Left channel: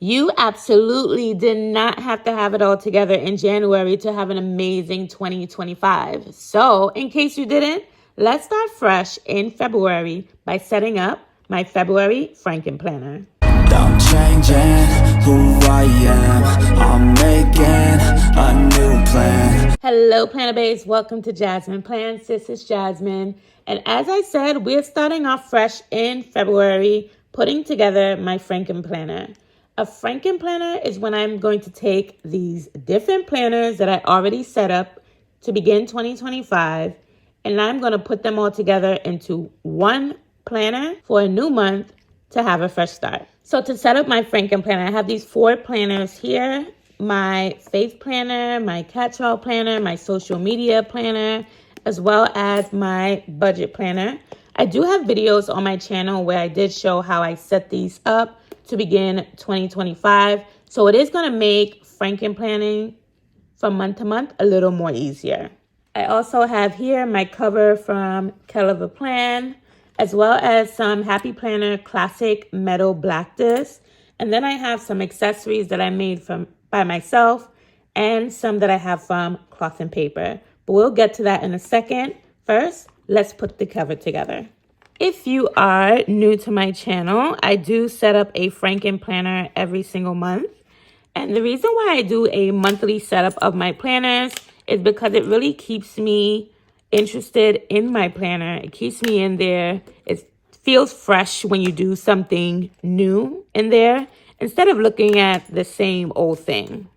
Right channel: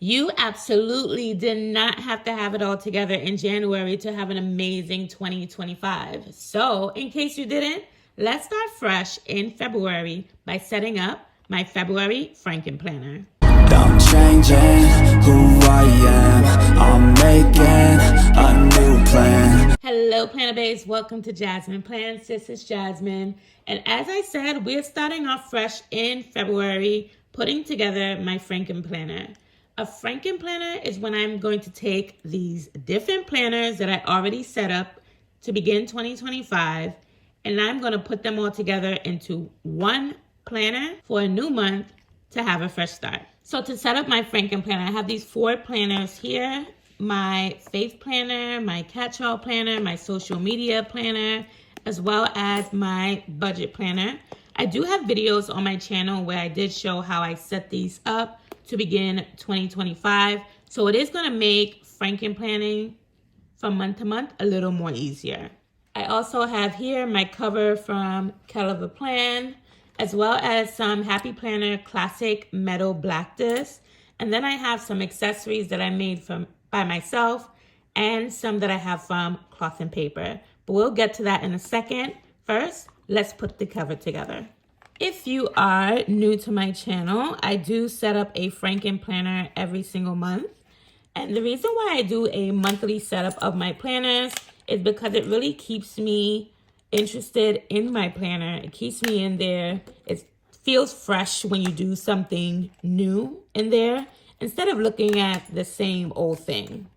You absolutely did not have to have it all together in January to have an amazing 2025. So, in case you didn't, let's start fresh in February by setting up my February Frankenplanner. I'm changing who I am. I'm making a new plan. Hello, Planner Babes. Welcome to Jasmine Plans. This is Jasmine. And as I said, we're starting off fresh in February, putting together my Frankenplanner. A Frankenplanner is when I'm going to take these different planners that I already set up to begin 2025, and I'm going to put them all together into one planner for a new month to have a fresh start. So to set up my Frankenplanner, I have these 4 planners here. My faith planner, my catch-all planner, my social media planner, as well as my budget planner. I do have videos on my channel where I did show how I set these up to begin 2025. So it is going to make Frankenplanning from month to month a little more easier. I also have here my cover from Frankenplan, as well as some Happy Planner Classic Metal Black Disc. And then I have some accessories that I made by myself and some that I have from Cloth and Paper. But we'll get to that in a second. First, let's put the cover together. If you are new to my channel, I do set up a Frankenplanner every single month. And the reason why I do a monthly setup of my planners is because it really keeps me interested in my planner. It keeps me in there. It feels fresh when you do something new in there instead of looking at the same old thing.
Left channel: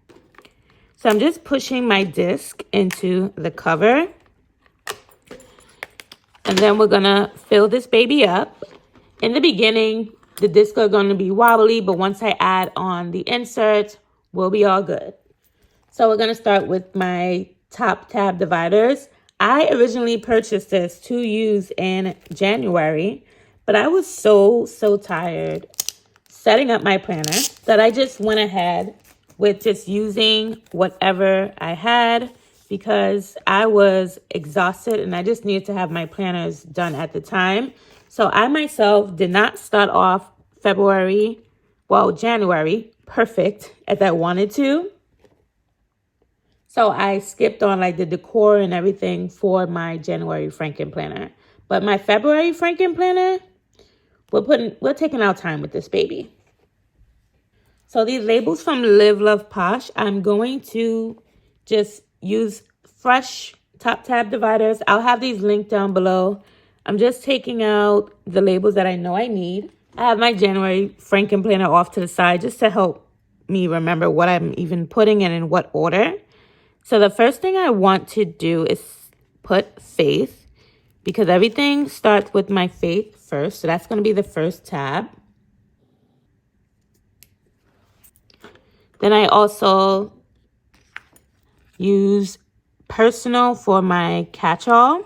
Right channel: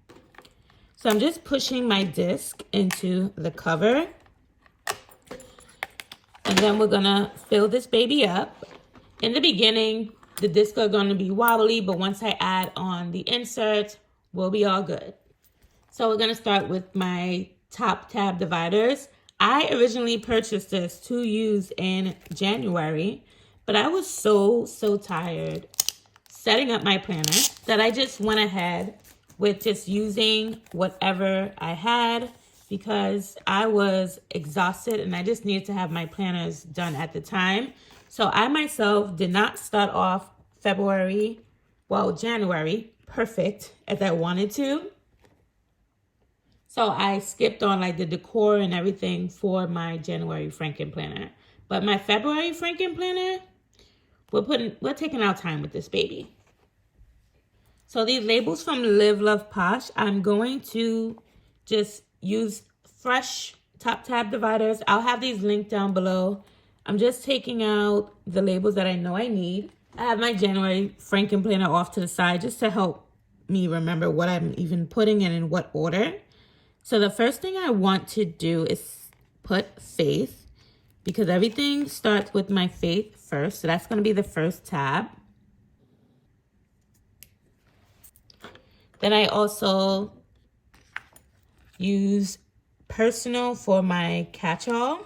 So I'm just pushing my disc into the cover. And then we're going to fill this baby up. In the beginning, the discs are going to be wobbly, but once I add on the inserts, we'll be all good. So we're going to start with my top tab dividers. I originally purchased this to use in January, but I was so tired setting up my planner that I just went ahead with just using whatever I had, because I was exhausted and I just needed to have my planners done at the time. So I myself did not start off January, perfect as I wanted to. So I skipped on like the decor and everything for my January Frankenplanner. But my February Frankenplanner, we're taking our time with this baby. So these labels from Live Love Posh, I'm going to just use fresh top tab dividers. I'll have these linked down below. I'm just taking out the labels that I know I need. I have my January Frankenplanner off to the side just to help me remember what I'm even putting in what order. So the first thing I want to do is put faith, because everything starts with my faith first. So that's going to be the first tab. Then I also use personal for my catch-all.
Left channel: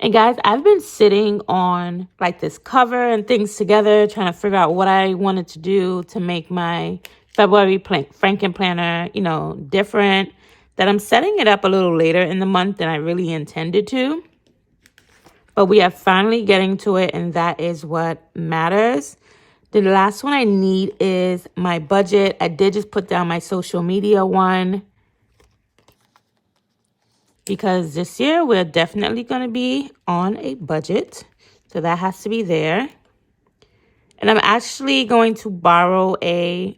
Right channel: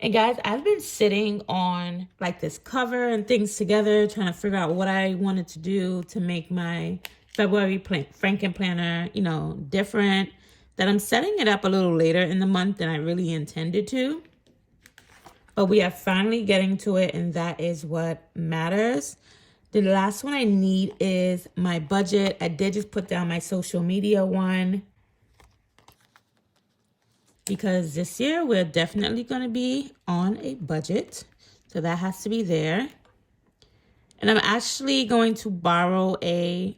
And guys, I've been sitting on like this cover and things together, trying to figure out what I wanted to do to make my February Frankenplanner, different. That I'm setting it up a little later in the month than I really intended to. But we are finally getting to it, and that is what matters. The last one I need is my budget. I did just put down my social media one, because this year we're definitely going to be on a budget. So that has to be there. And I'm actually going to borrow a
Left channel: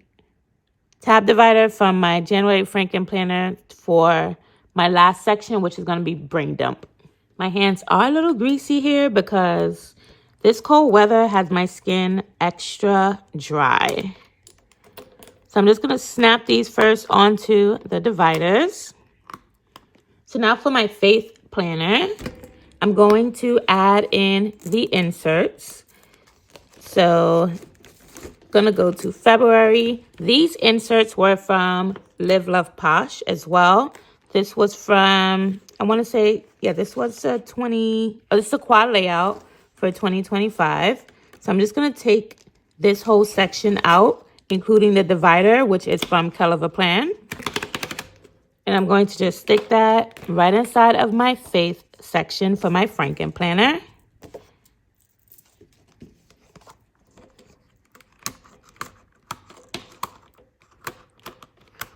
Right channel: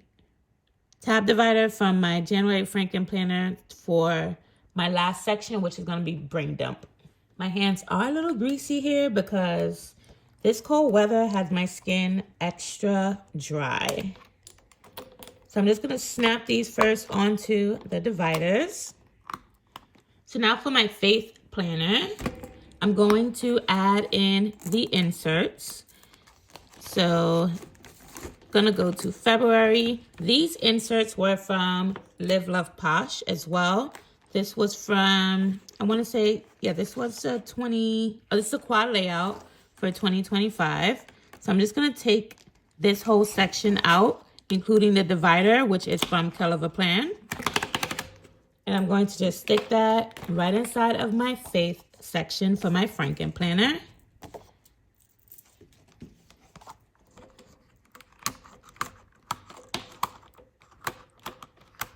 tab divider from my January Frankenplanner for my last section, which is going to be Brain Dump. My hands are a little greasy here because this cold weather has my skin extra dry. So I'm just going to snap these first onto the dividers. So now for my faith planner, I'm going to add in the inserts. So gonna go to February. These inserts were from Live Love Posh as well. This was from, I want to say, this was this is a quad layout for 2025. So I'm just gonna take this whole section out, including the divider, which is from Frankenplan. And I'm going to just stick that right inside of my faith section for my Frankenplanner.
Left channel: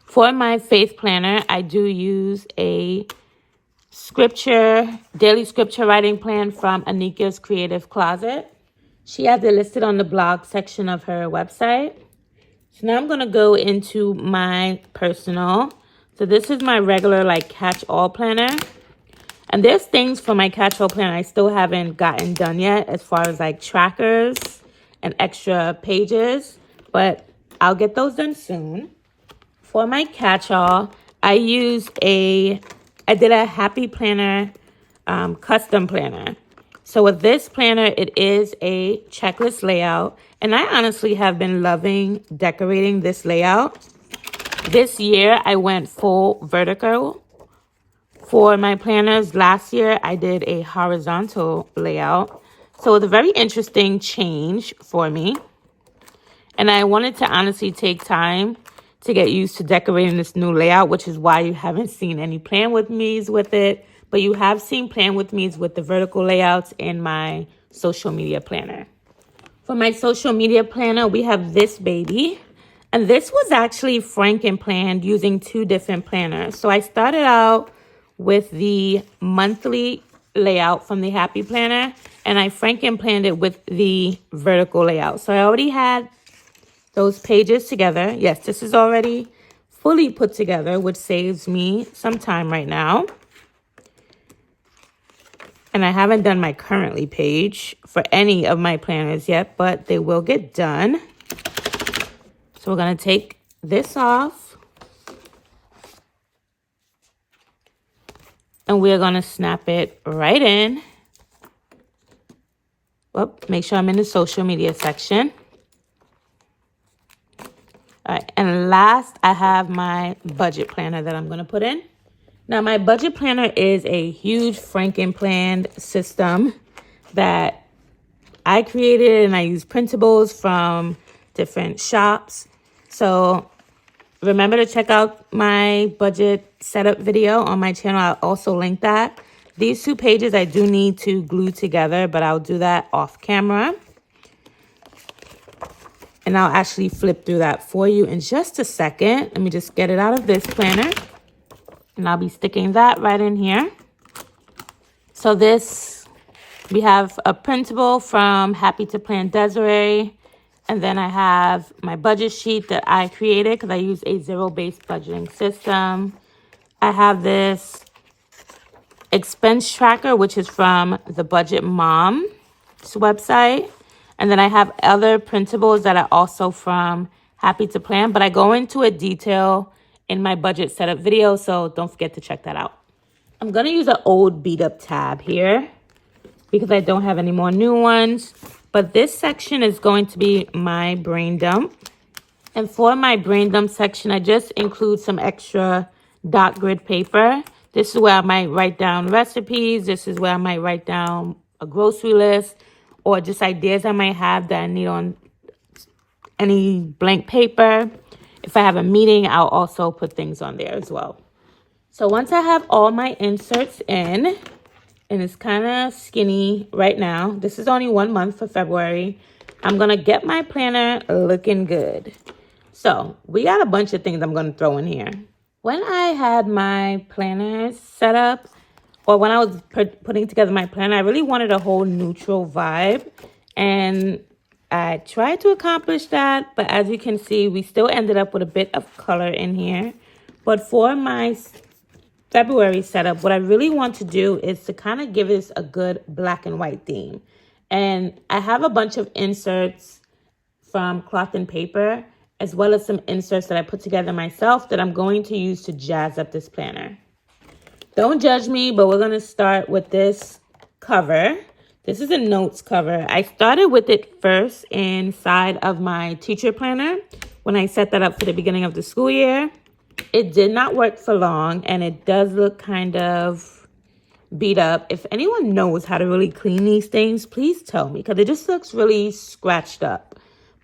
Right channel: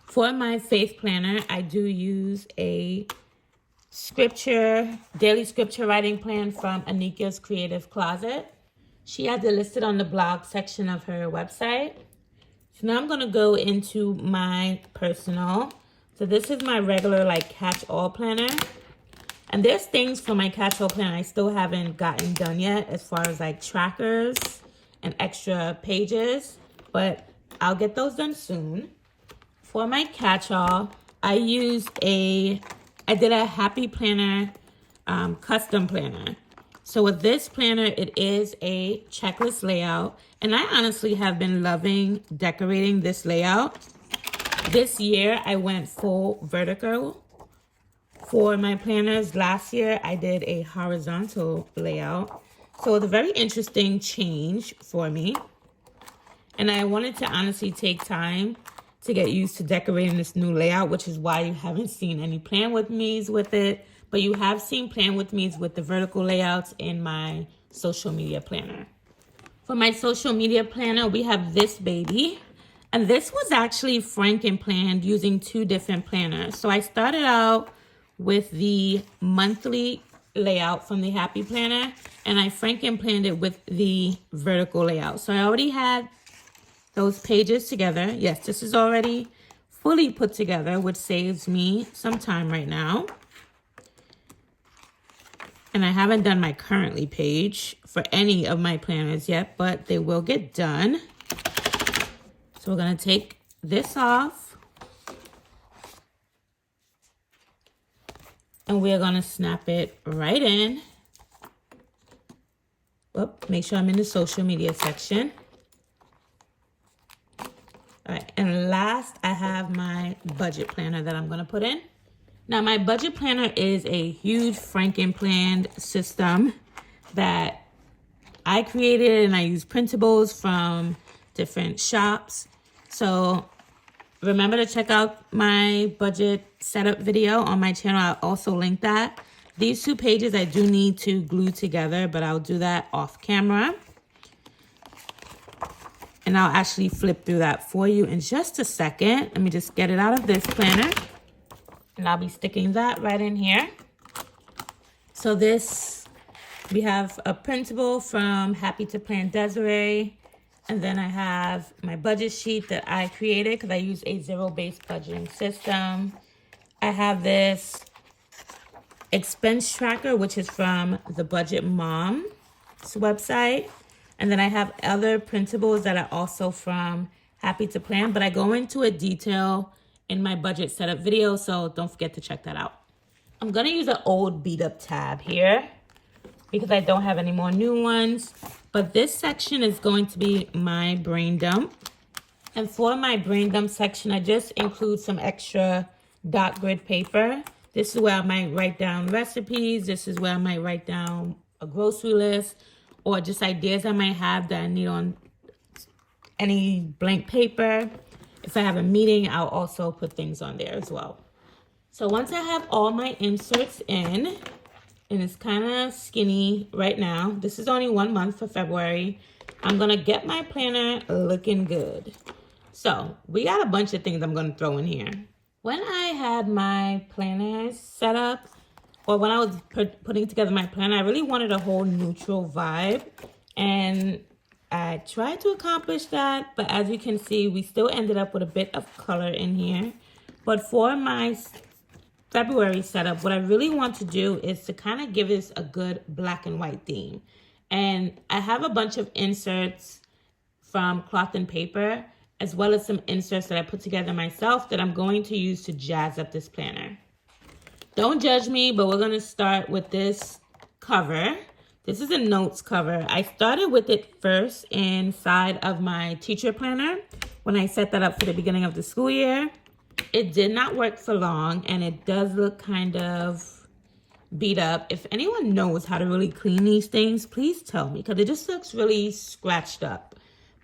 For my faith planner, I do use a daily scripture writing plan from Anika's Creative Closet. She has it listed on the blog section of her website. So now I'm going to go into my personal. So this is my regular catch-all planner. And there's things for my catch-all planner I still haven't gotten done yet as far as trackers and extra pages. But I'll get those done soon. For my catch-all, I did a Happy Planner custom planner. So with this planner, it is a checklist layout. And I honestly have been loving decorating this layout. This year, I went full vertical. For my planners, last year, I did a horizontal layout. So it's a very interesting change for me. And I wanted to honestly take time to get used to decorating this new layout, which is why you haven't seen any plan with me's with it. But you have seen plan with me's with the vertical layouts in my social media planner. For my social media planner, we have this baby. And this was actually Frankenplanned using 2 different planners. So I started out with the monthly layout from the Happy Planner, and I Frankenplanned it with the vertical layout. So I already had those pages together. Yes, this is already fully put together, which saves me some time right now. And I haven't done my currently page for any of my planners yet, but they will get done. So we're going to take this off. And we're going to snap it right in. Whoop, make sure I'm in the social media section. All right, and last, I have my budget planner that I'm going to put in. Now, my budget planner is a huge Frankenplan system that I created, and I use printables from different shops. So remember to check out my budget setup video on my channel. I'll also link that. These 2 pages I do need to glue together, but I'll do that off camera. And I'll actually flip through that for you in just a second. Let me just get it out of this planner. And I'll be sticking that right in here. So we have a printable from Happy to Plan Desiree. And then I have my budget sheet that I created because I use a zero-based budgeting system. I have this expense tracker, which is from the Budget Mom's website. And then I have other printables that are also from Happy to Plan, but I go into a detail in my budget setup video, so don't forget to check that out. I'm going to use an old beat up tab here because I don't have any more new ones. But this section is going to be my brain dump. And for my brain dump section, I just include some extra dot grid paper. This is where I might write down recipes. This is where I might write down a grocery list, or just ideas I might have that I need on any blank paper. If I have a meeting, I'll also put things on there as well. So once I have all my inserts in, and it's kind of skinny right now, this is only 1 month for February, I'm going to get my planner looking good. So we got a bunch of things I'm going to throw in here. When I had my planners set up, or when I was putting together my planner, I really wanted a whole neutral vibe. And I tried to accomplish that, but as you can see, we still ended up with a bit of color in here. But for my February setup, what I really want to do is to kind of give this a good black and white theme. And I have a bunch of inserts from cloth and paper, as well as some inserts that I put together myself that I'm going to use to jazz up this planner. Don't judge me, but we're going to start with this cover. This is a notes cover. I started with it first inside of my teacher planner when I set that up for the beginning of the school year. It did not work for long, and it does look kind of beat up. If anyone knows how to really clean these things, please tell me, because it just looks really scratched up.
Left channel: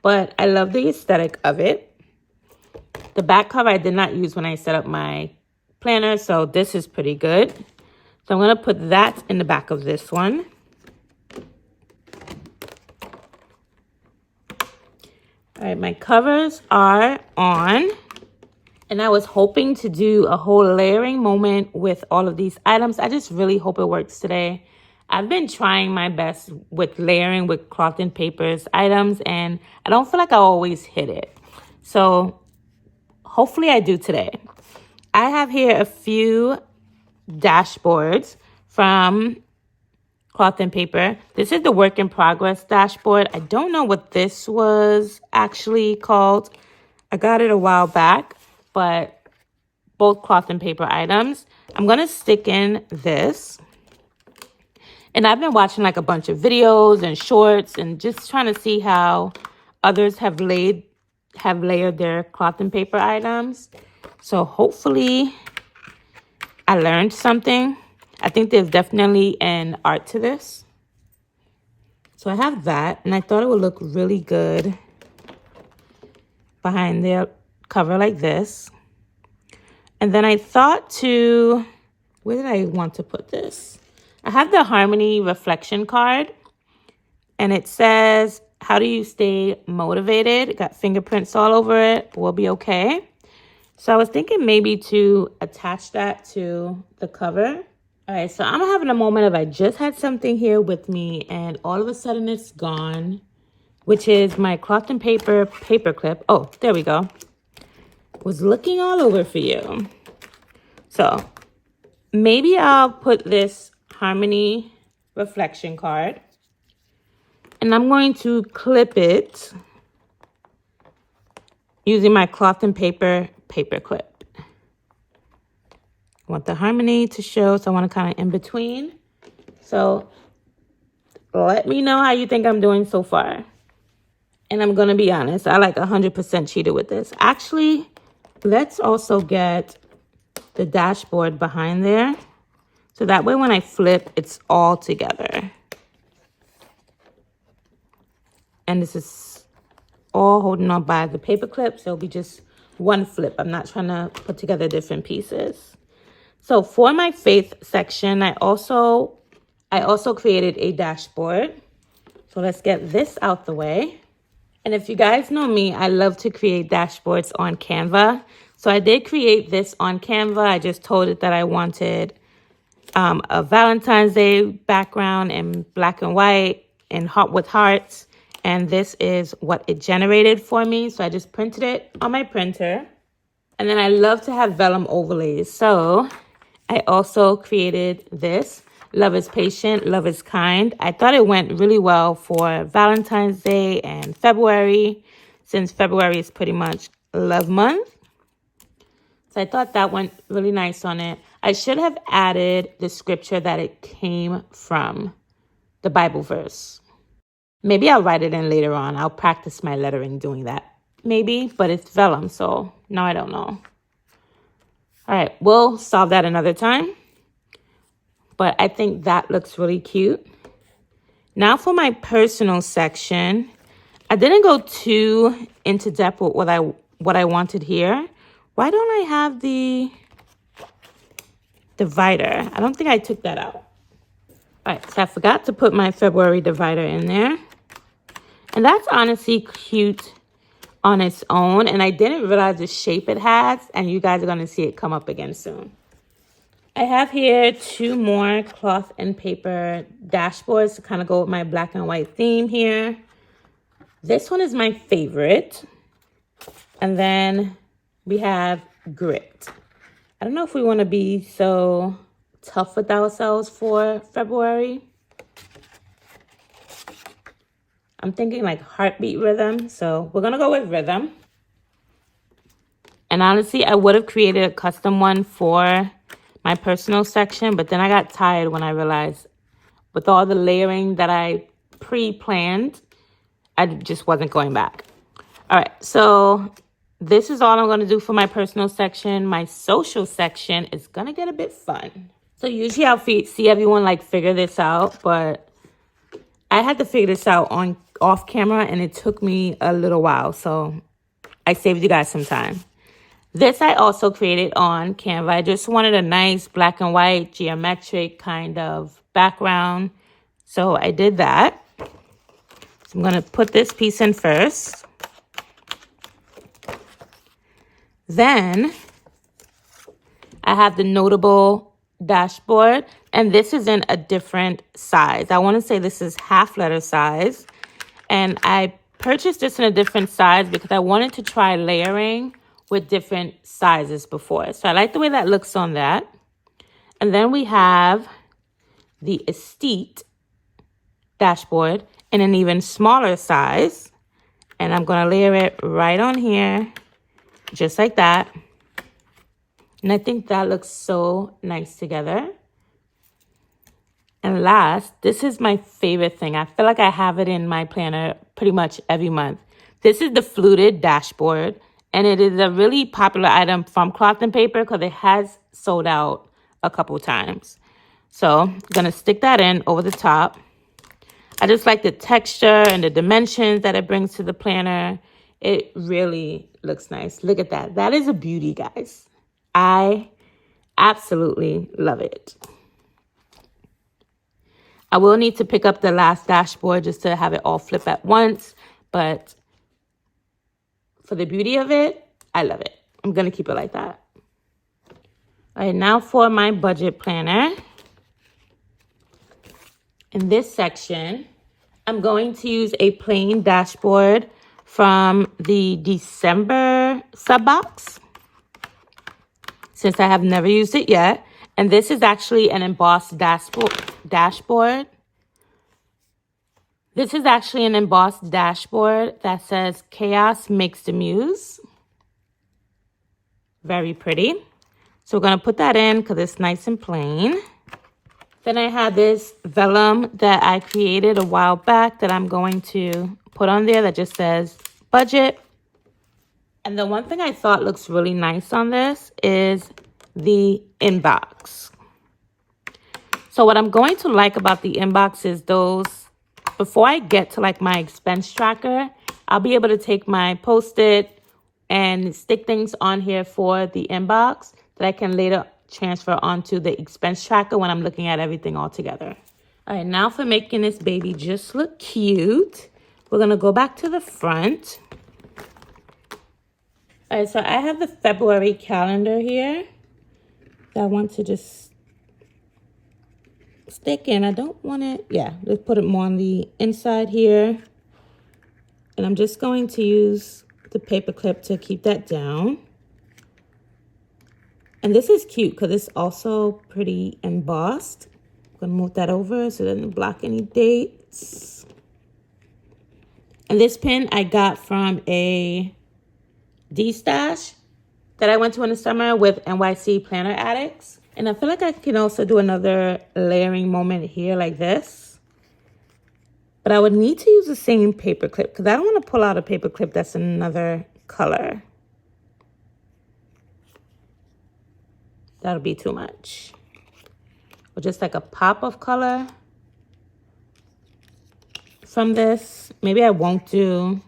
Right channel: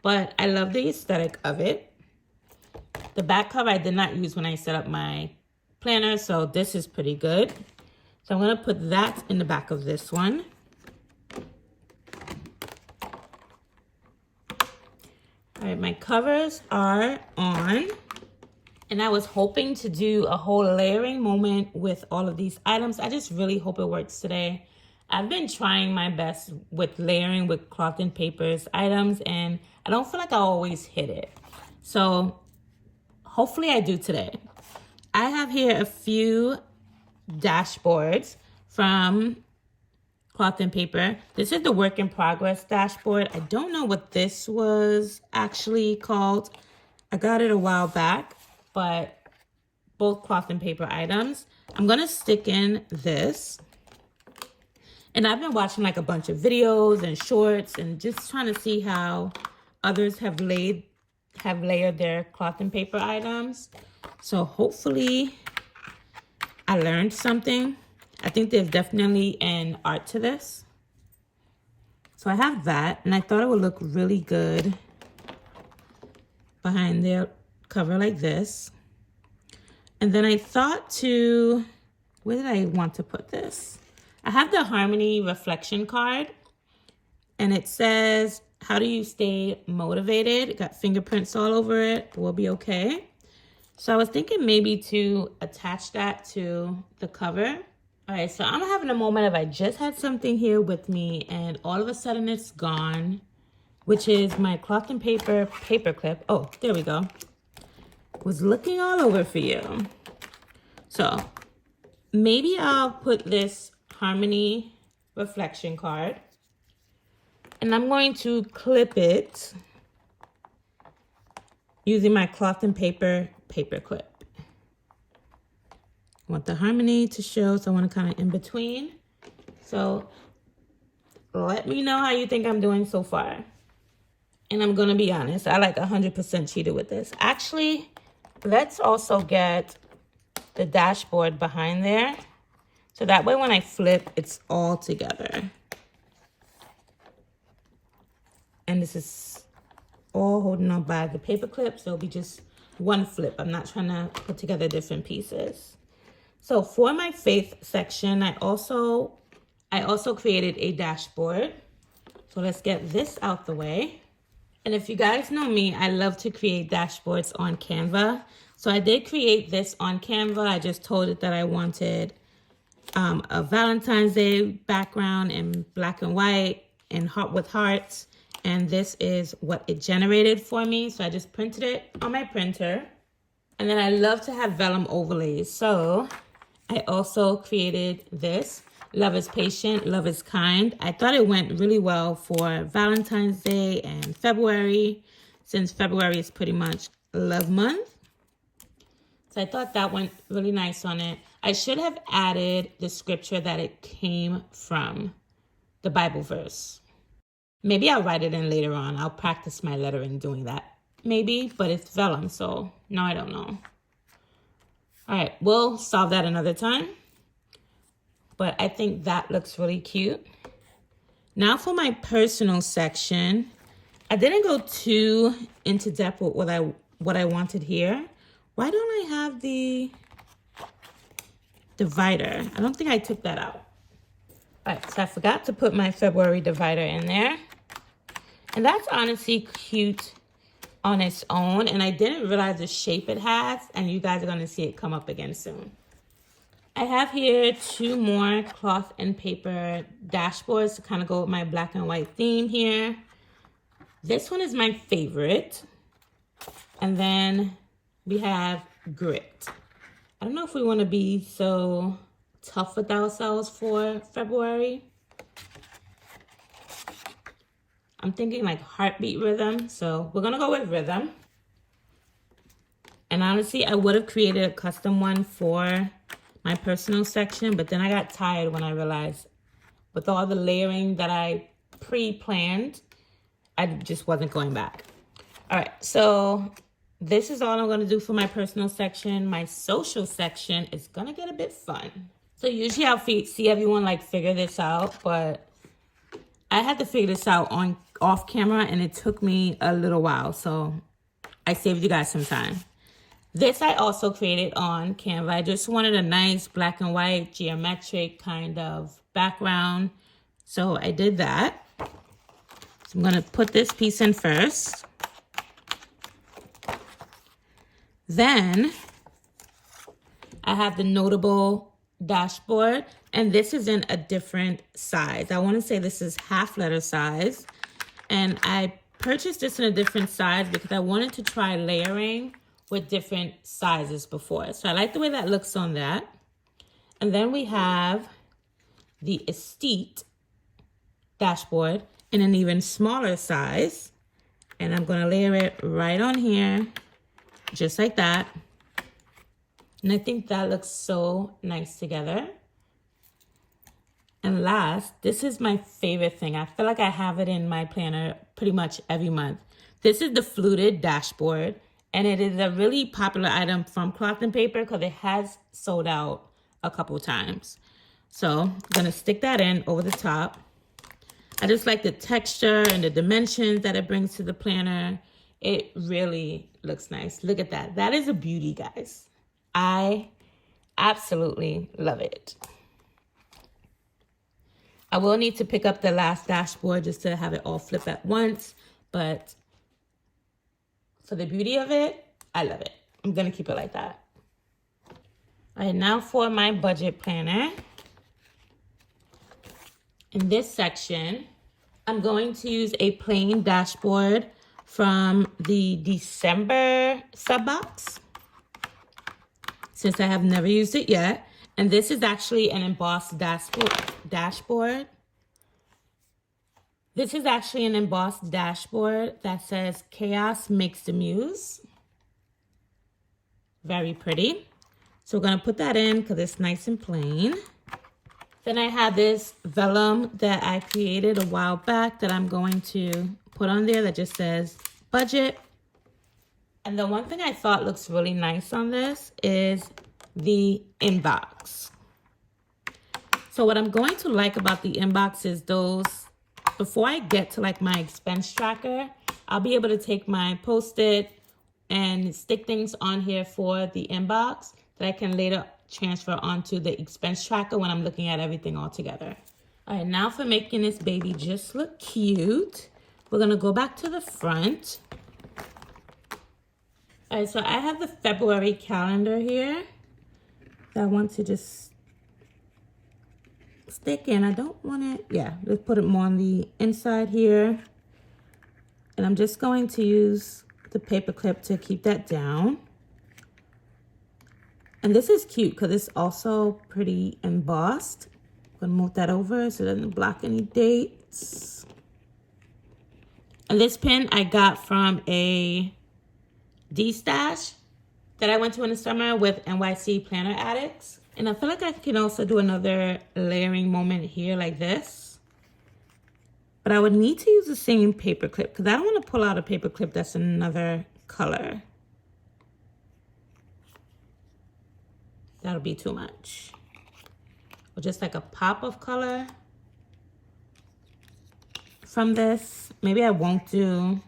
But I love the aesthetic of it. The back cover I did not use when I set up my planner, so this is pretty good. So I'm going to put that in the back of this one. All right, my covers are on. And I was hoping to do a whole layering moment with all of these items. I just really hope it works today. I've been trying my best with layering with cloth and papers items, and I don't feel like I always hit it. So hopefully I do today. I have here a few dashboards from cloth and paper. This is the work in progress dashboard. I don't know what this was actually called. I got it a while back, but both cloth and paper items. I'm going to stick in this. And I've been watching like a bunch of videos and shorts and just trying to see how others have layered their cloth and paper items. So hopefully I learned something. I think there's definitely an art to this. So I have that, and I thought it would look really good behind their cover like this. And then I thought to, where did I want to put this? I have the Harmony reflection card, and it says, how do you stay motivated? It got fingerprints all over it. We'll be okay. So I was thinking maybe to attach that to the cover. All right, so I'm having a moment of I just had something here with me and all of a sudden it's gone, which is my cloth and paper clip. Oh, there we go. Was looking all over for you. So maybe I'll put this Harmony reflection card and I'm going to clip it using my cloth and paper clip. I want the Harmony to show, so I want to kind of in between. So let me know how you think I'm doing so far. And I'm going to be honest, I like 100% cheated with this. Actually, let's also get the dashboard behind there. So that way when I flip, it's all together. And this is all holding on by the paper clip, so it'll be just one flip. I'm not trying to put together different pieces. So for my faith section, I also created a dashboard. So let's get this out the way. And if you guys know me, I love to create dashboards on Canva. So I did create this on Canva. I just told it that I wanted a Valentine's Day background in black and white and with hearts. And this is what it generated for me. So I just printed it on my printer. And then I love to have vellum overlays. So I also created this. Love is patient, love is kind. I thought it went really well for Valentine's Day and February, since February is pretty much love month. So I thought that went really nice on it. I should have added the scripture that it came from, the Bible verse. Maybe I'll write it in later on. I'll practice my lettering doing that. Maybe, but it's vellum, so now I don't know. All right, we'll solve that another time. But I think that looks really cute. Now for my personal section, I didn't go too into depth with what I wanted here. Why don't I have the divider? I don't think I took that out. All right, so I forgot to put my February divider in there. And that's honestly cute on its own, and I didn't realize the shape it has, and you guys are going to see it come up again soon. I have here 2 more cloth and paper dashboards to kind of go with my black and white theme here. This one is my favorite. And then we have grit. I don't know if we want to be so tough with ourselves for February. I'm thinking like heartbeat rhythm, so we're gonna go with rhythm. And honestly, I would have created a custom one for my personal section, but then I got tired when I realized with all the layering that I pre-planned, I just wasn't going back. All right, so this is all I'm gonna do for my personal section. My social section is gonna get a bit fun. So usually I'll see everyone like figure this out, but I had to figure this out off camera and it took me a little while. So I saved you guys some time. This I also created on Canva. I just wanted a nice black and white geometric kind of background. So I did that. So I'm going to put this piece in first. Then I have the notable dashboard, and this is in a different size. I want to say this is half letter size, and I purchased this in a different size because I wanted to try layering with different sizes before. So I like the way that looks on that. And then we have the Estate dashboard in an even smaller size, and I'm going to layer it right on here, just like that. And I think that looks so nice together. And last, this is my favorite thing. I feel like I have it in my planner pretty much every month. This is the fluted dashboard, and it is a really popular item from Cloth and Paper because it has sold out a couple times. So I'm gonna stick that in over the top. I just like the texture and the dimensions that it brings to the planner. It really looks nice. Look at that. That is a beauty, guys. I absolutely love it. I will need to pick up the last dashboard just to have it all flip at once, but for the beauty of it, I love it. I'm gonna keep it like that. All right, now for my budget planner. In this section, I'm going to use a plain dashboard from the December sub box, since I have never used it yet. And this is actually an embossed dashboard. This is actually an embossed dashboard that says "Chaos makes the muse." Very pretty. So we're gonna put that in because it's nice and plain. Then I have this vellum that I created a while back that I'm going to put on there that just says budget. And the one thing I thought looks really nice on this is the inbox. So what I'm going to like about the inbox is those, before I get to like my expense tracker, I'll be able to take my Post-it and stick things on here for the inbox that I can later transfer onto the expense tracker when I'm looking at everything all together. All right, now for making this baby just look cute, we're gonna go back to the front. All right, so I have the February calendar here that I want to just stick in. I don't want it, yeah, let's put it more on the inside here. And I'm just going to use the paper clip to keep that down. And this is cute because it's also pretty embossed. I'm gonna move that over so it doesn't block any dates. And this pin I got from a D-stash that I went to in the summer with NYC Planner Addicts. And I feel like I can also do another layering moment here like this. But I would need to use the same paper clip because I don't want to pull out a paper clip that's another color. That'll be too much. Or just like a pop of color from this. Maybe I won't do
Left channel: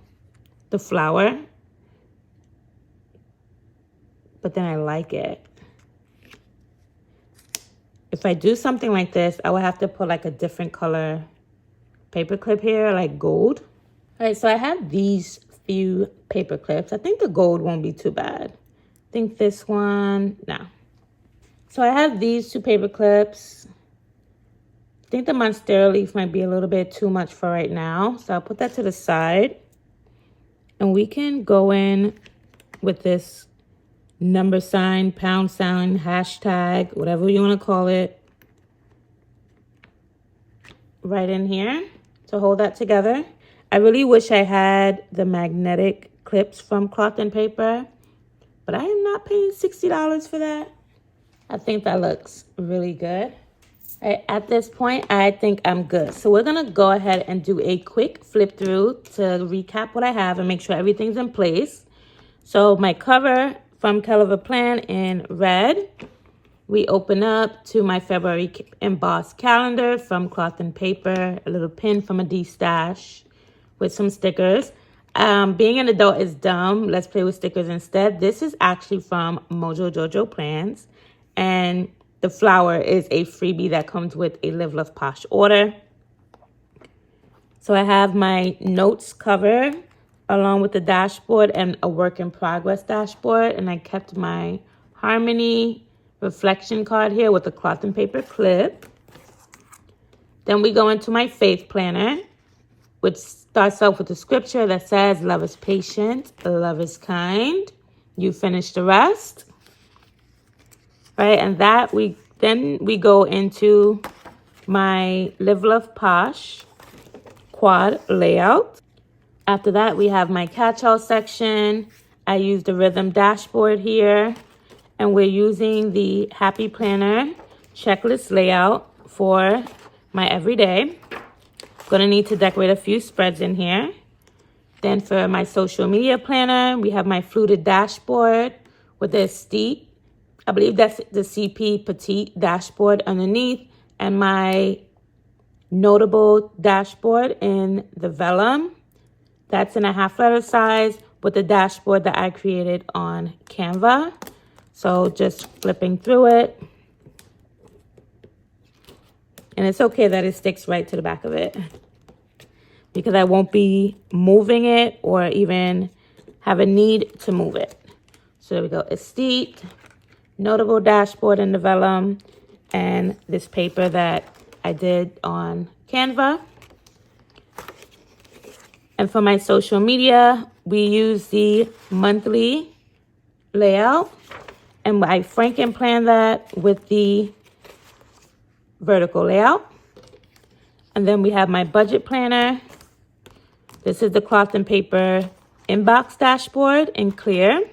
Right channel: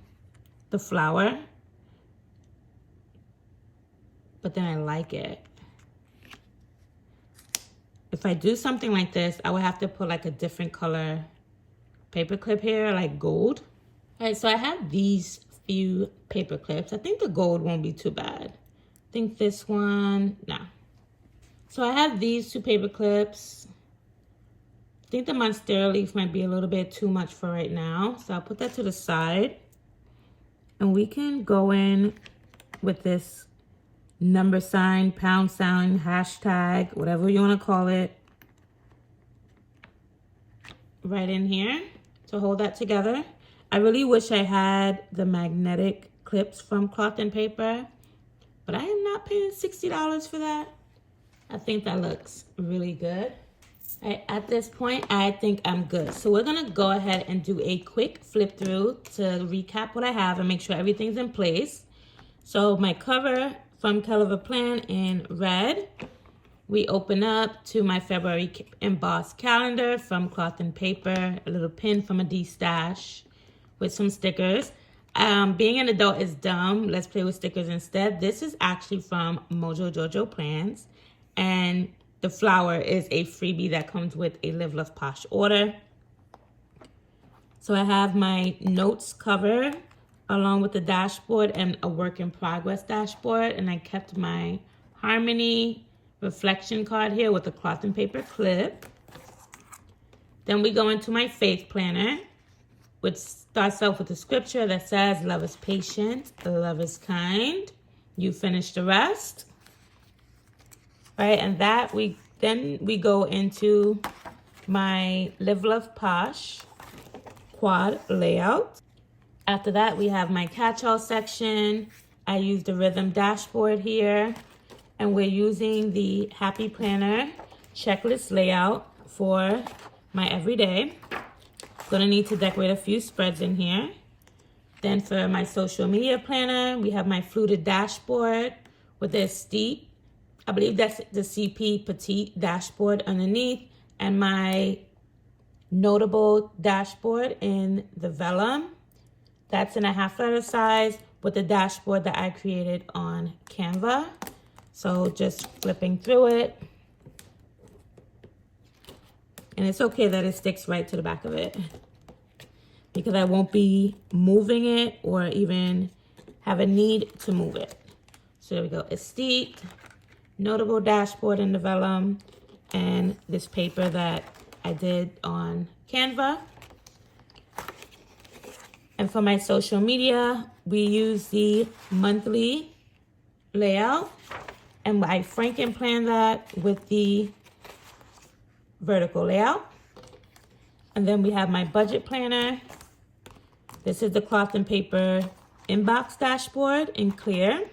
the flower, but then I like it. If I do something like this, I would have to put like a different color paper clip here, like gold. All right, so I have these few paper clips. I think the gold won't be too bad. I think this one, no. So I have these two paper clips. I think the monstera leaf might be a little bit too much for right now. So I'll put that to the side. And we can go in with this number sign, pound sign, hashtag, whatever you want to call it, right in here to hold that together. I really wish I had the magnetic clips from Cloth and Paper, but I am not paying $60 for that. I think that looks really good. At this point, I think I'm good. So we're gonna go ahead and do a quick flip through to recap what I have and make sure everything's in place. So my cover from Frankenplan in red. We open up to my February embossed calendar from Cloth and Paper, a little pin from a D-stash with some stickers. Being an adult is dumb. Let's play with stickers instead. This is actually from Mojo Jojo Plans. And the flower is a freebie that comes with a Live Love Posh order. So I have my notes cover along with the dashboard and a work in progress dashboard. And I kept my Harmony reflection card here with a cloth and paper clip. Then we go into my faith planner, which starts off with a scripture that says, love is patient, love is kind. You finish the rest. Right, and then we go into my Live Love Posh quad layout. After that, we have my catch-all section. I use the rhythm dashboard here, and we're using the Happy Planner checklist layout for my everyday. Gonna need to decorate a few spreads in here. Then for my social media planner, we have my fluted dashboard with the steep, I believe that's the CP Petite dashboard underneath, and my notable dashboard in the vellum. That's in a 1/2 letter size with the dashboard that I created on Canva. So just flipping through it. And it's okay that it sticks right to the back of it, because I won't be moving it or even have a need to move it. So there we go. Estate, notable dashboard in the vellum, and this paper that I did on Canva. And for my social media, we use the monthly layout, and I Frankenplan that with the vertical layout. And then we have my budget planner. This is the cloth and paper inbox dashboard in clear.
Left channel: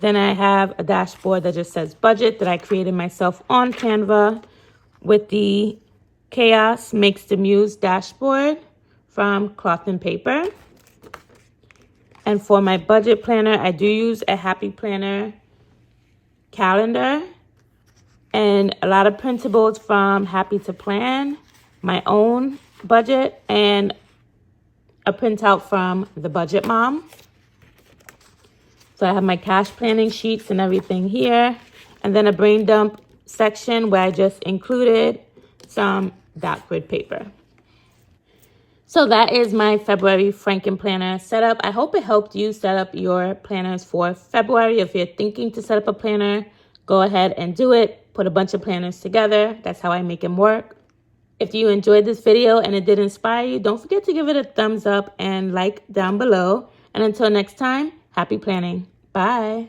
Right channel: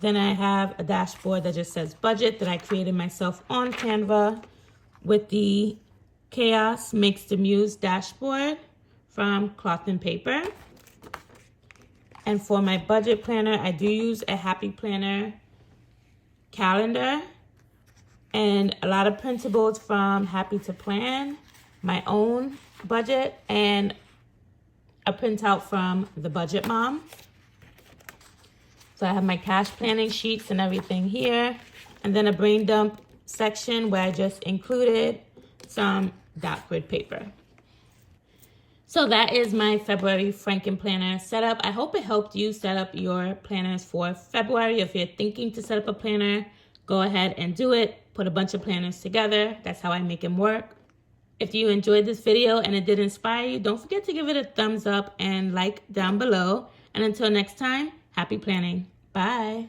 Then I have a dashboard that just says budget that I created myself on Canva with the Chaos Makes the Muse dashboard from Cloth and Paper. And for my budget planner, I do use a Happy Planner calendar and a lot of printables from Happy to Plan, my own budget, and a printout from the Budget Mom. So I have my cash planning sheets and everything here. And then a brain dump section where I just included some dot grid paper. So that is my February Frankenplanner setup. I hope it helped you set up your planners for February. If you're thinking to set up a planner, go ahead and do it. Put a bunch of planners together. That's how I make them work. If you enjoyed this video and it did inspire you, don't forget to give it a thumbs up and like down below. And until next time, happy planning. Bye.